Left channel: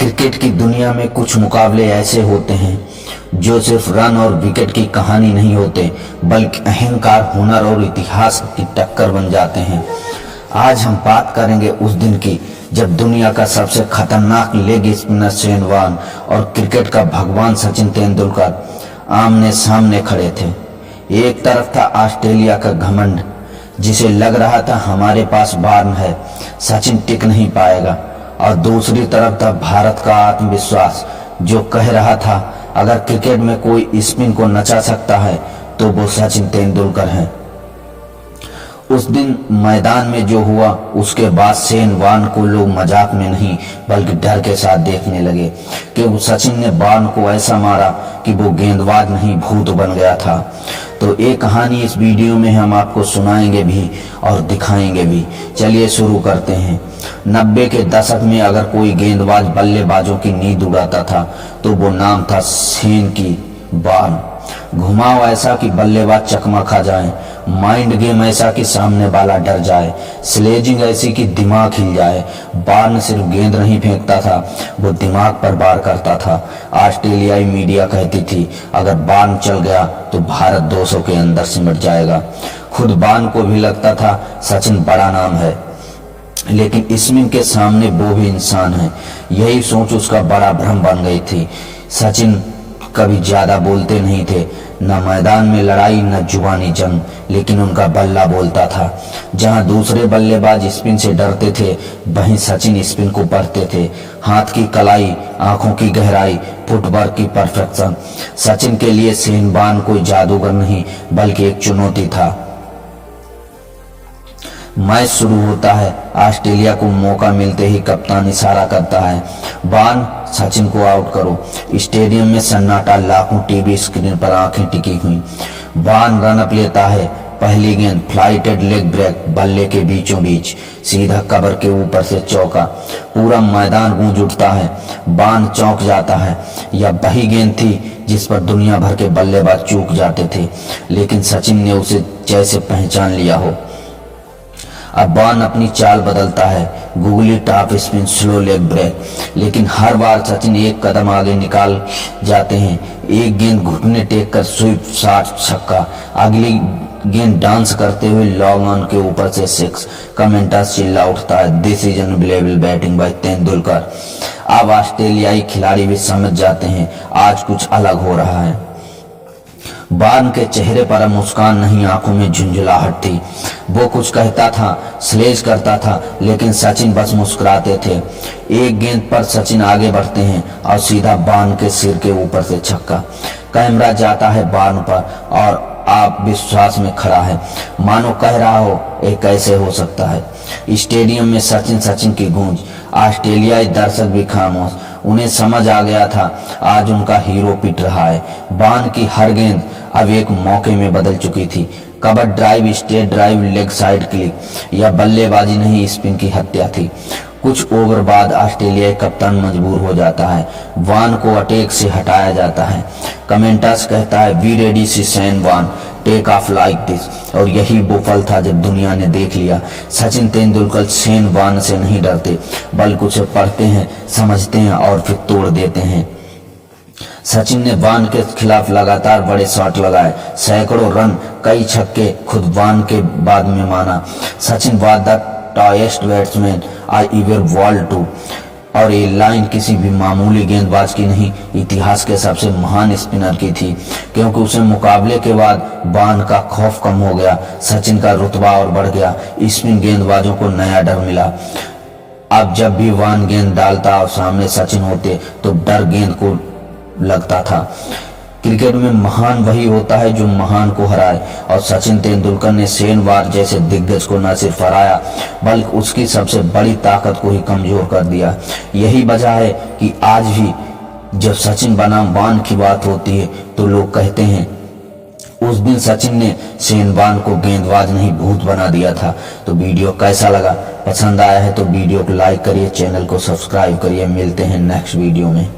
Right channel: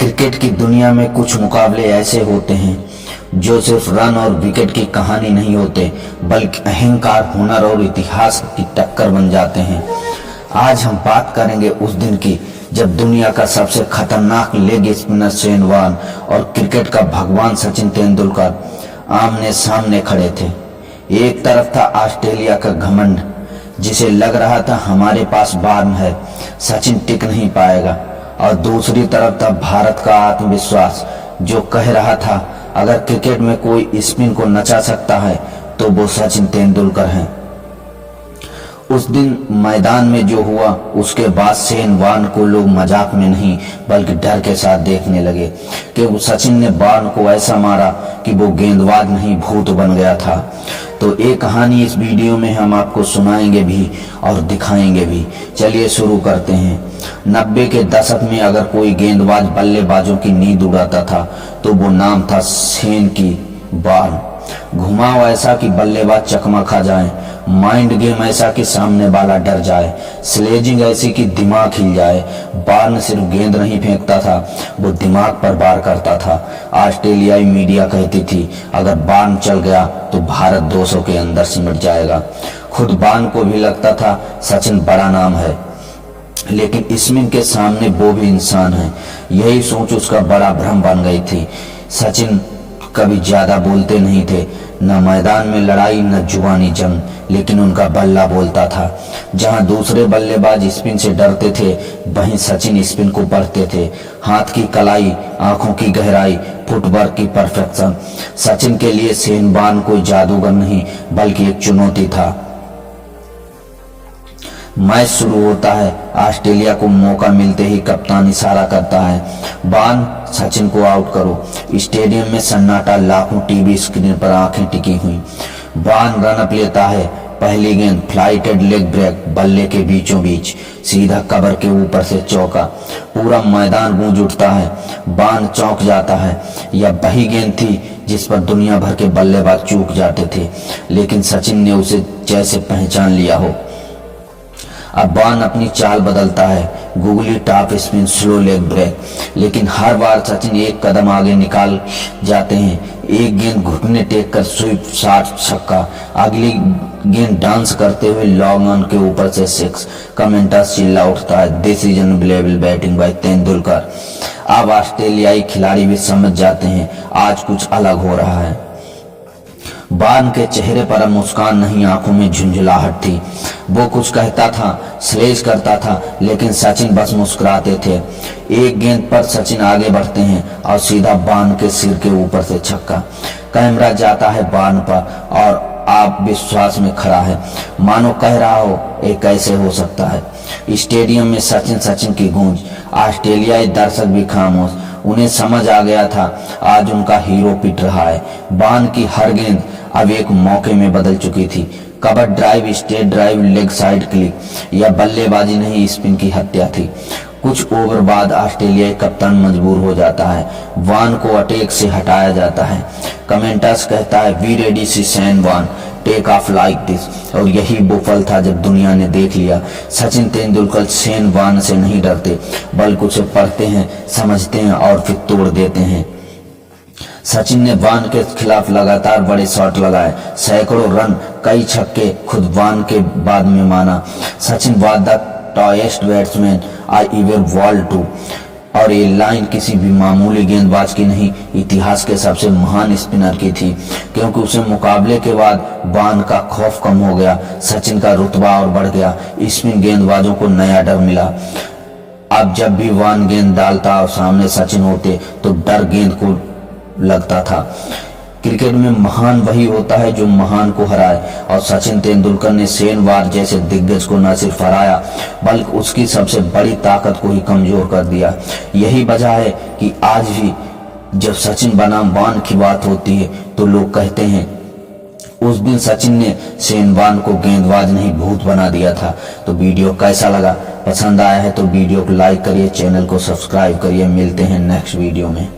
Cricket की दुनिया में कुछ मुकाबले ऐसे होते हैं जो सिर्फ रन और विकेट की कहानी नहीं होते, बल्कि अहंकार, हुनर और इतिहास की टक्कर बन जाते हैं। आज हम बात करेंगे उस दिन की जब दुनिया का सबसे खतरनाक लेग स्पिनर शेन वॉर्न और क्रिकेट का भगवान सचिन तेंदुलकर आमने सामने खड़े थे। एक तरफ था ऑस्ट्रेलिया का घमंड, जिसे लग रहा था हमारे पास वॉर्न है, सचिन टिक नहीं पाएगा, और दूसरी तरफ था भारत का आत्मविश्वास जो कह रहा था अगर क्रिकेट में कोई स्पिन को नचा सकता है तो वो सचिन तेंदुलकर हैं। उस दिन मैदान में जो हुआ उसके बाद शेन वॉर्न को लोग मजाक में नहीं बल्कि डर के साथ देखने लगे कि सचिन ने वॉर्न को ऐसा मारा कि वो गेंदबाज नहीं भूत बन गया था। तो एक कहानी इस वीडियो में हम आपको सुनाएंगे भी और दिखाएंगे भी। चलिए शुरू करते हैं। 90 के दशक में अगर कोई गेंदबाज बल्लेबाजों की नींद उड़ाता था तो वो नाम था शेन की वॉर्न। घुमाव ऐसा कि बल्लेबाज चकमा खा जाए, माइंड गेम ऐसा कि सामने वाला डर जाए, स्लेजिंग ऐसी कि दिमाग हिल जाए। वॉर्न सिर्फ गेंद नहीं फेंकता था, वो दिमाग पर वार करता था। ऑस्ट्रेलियाई मीडिया कहती थी अगर वॉर्न चल गया तो भारत 200 के अंदर सिमट जाएगा। खुद वॉर्न को भी लगता था सचिन बड़ा नाम है, लेकिन स्पिन के सामने वो भी इंसान है। यही सोच उसका बड़ा भ्रम बन गई थी। सचिन कभी ज्यादा बोलते नहीं थे, न मैदान में लड़ाई न जुबानी जंग, लेकिन उनका बल्ला बोलता था। जहां दूसरे बल्लेबाज स्पिन से डरते थे वहीं सचिन स्पिन को पढ़ते थे। हाथ की कलाई, आंखों की गहराई, फुटवर्क की परफेक्शन। सचिन के लिए शेन वॉर्न कोई जादूगर नहीं बल्कि एक चुनौती था। मैच शुरू होता है। ऑस्ट्रेलिया को मौका मिलते ही कप्तान इशारा करता है, वॉर्न सचिन को आउट करो। स्टेडियम में सन्नाटा, लाखों टीवी स्क्रीन पर आंखें टिकी हुई। वॉर्न रन अप लेता है। पहली गेंद फ्लाइटेड लेग ब्रेक, बल्ले के बीचों बीच, सीधा कवर के ऊपर से चौका। पूरा मैदान गूंज उठता है। वॉर्न चौंक जाता है। यह वही गेंद थी जिस पर दुनिया भर के बल्लेबाज चूक जाते थे, लेकिन सचिन ने उसे जैसे पहचान लिया हो। अब वॉर्न अपनी चाल बदलता है, googly top spin, slow leg break, लेकिन हर बार सचिन एक कदम आगे निकाल जाते हैं। एक गेंद घुटने टेक कर स्वीप शॉट, छक्का। अगली गेंद डांस करते हुए लॉन्ग ऑन के ऊपर से सिक्स। कमेंटर्स चिल्ला उठता है, this is unbelievable batting bye Tendulkar. अब ऑस्ट्रेलियाई खिलाड़ी भी समझ जाते हैं आज कुछ अलग हो रहा है। वॉर्न के चेहरे पर अब मुस्कान नहीं, आंखों में झुंझुलाहट थी। वो कुछ कहता था, स्लेज करता था, लेकिन सचिन बस मुस्कुराते थे। एक गेंद पर सचिन आगे बढ़ते हैं और सीधा वॉर्न के सिर के ऊपर से छक्का। कैमरा जाता है वॉर्न पर और आप विश्वास में खड़ा है, मानो कह रहा हो ये कैसे हो सकता है। स्टेडियम में सचिन सचिन की गूंज। ऑस्ट्रेलियाई दर्शक भी खामोश। उन्हें समझ आ गया था आज उनका हीरो पिट रहा है। वॉर्न की हर गेंद अब एक मौके में बदल चुकी थी। Cover drive, straight drive, leg side click, यह बल्लेबाजी नहीं स्पिन की हत्या थी। कुछ ओवर बाद ऑस्ट्रेलियाई कप्तान मजबूर हो जाता है। वॉर्न को अटैक से हटाया जाता है। कमेंटर्स कहता है, we ready see Shane Warne, take off like this. और यही वो पल था जब दुनिया ने देख लिया सचिन तेंदुलकर शेन वॉर्न से नहीं डरते बल्कि उसे पढ़ते हैं, समझते हैं और फिर तोड़ देते हैं। सचिन ने वॉर्न के खिलाफ लगातार बड़े शॉट लगाए, सैकड़ों रन, कई छक्के। खुद वॉर्न के बाद में माना, Sachin was the toughest batsman I ever bowled to. और ये लाइन किसी भी मामूली गेंदबाज की नहीं, इतिहास के सबसे महान स्पिनर की थी, क्योंकि उसे मुकाबले के बाद वॉर्न का खौफ कम हो गया, सचिन का रुतबा और बढ़ गया। स्पिन गेंदबाजों को नया डर मिला। अब जब भी वॉर्न गेंद डालता और सामने सचिन होते तो डर गेंद को लगता था। क्रिकेट में महान वही होता है जो महान को हराए, और सचिन तेंदुलकर ने शेन वॉर्न जैसे दिग्गज को न सिर्फ हराया बल्कि उसकी सबसे बड़ी ताकत को ही कमजोर कर दिया। यही वजह है कि आज भी जब सचिन बनाम वॉर्न की बात होती है तो लोग कहते हैं उस दिन सचिन ने शेन वॉर्न को गेंदबाज नहीं भूत बना दिया था। तो वीडियो कैसा लगा? पसंद आया है तो वीडियो को लाइक करिए, चैनल को सब्सक्राइब करिए। मिलते हैं नेक्स्ट वीडियो में।